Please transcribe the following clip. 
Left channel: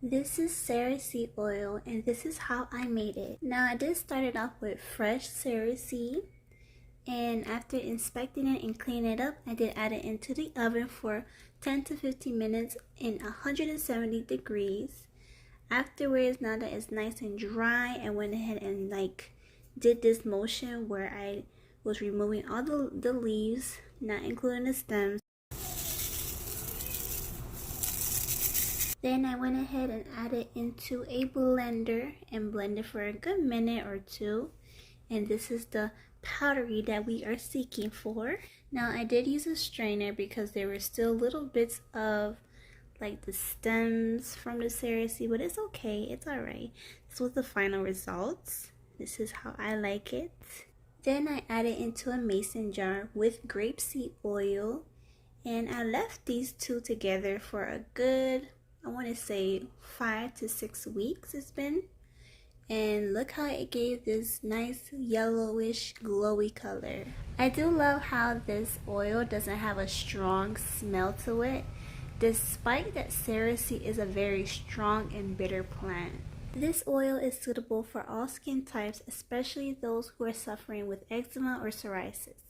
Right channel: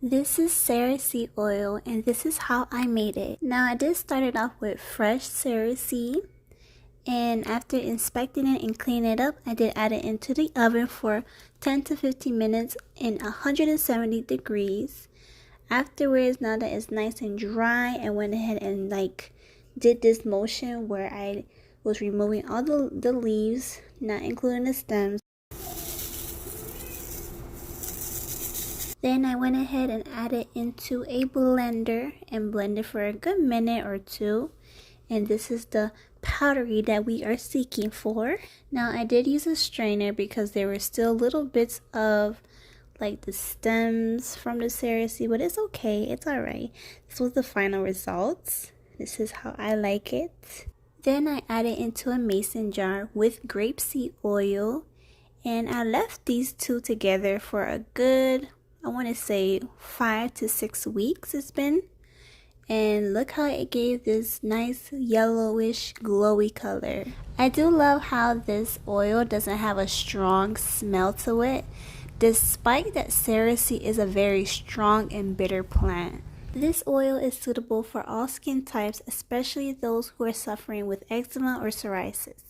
This is Cerasee oil and this is how I made it. Now I did start it off with fresh cerasee, and after inspecting it and cleaning it up, I did add it into the oven for 10 to 15 minutes in 170 degrees. Afterwards, now that it's nice and dry, I went ahead and did this motion where I was removing all the leaves, not including the stems. Then I went ahead and added into a blender and blended for a good minute or two. And this is the powdery that we are seeking for. Now I did use a strainer because there were still little bits of the stems from the cerasee, but it's okay, it's alright. This was the final results. This is how I like it. Then I added into a mason jar with grapeseed oil, and I left these two together for a good, I want to say 5 to 6 weeks it's been. And look how it gave this nice yellowish glowy color. I do love how this oil doesn't have a strong smell to it, despite that cerasee is a very strong and bitter plant. This oil is suitable for all skin types, especially those who are suffering with eczema or psoriasis.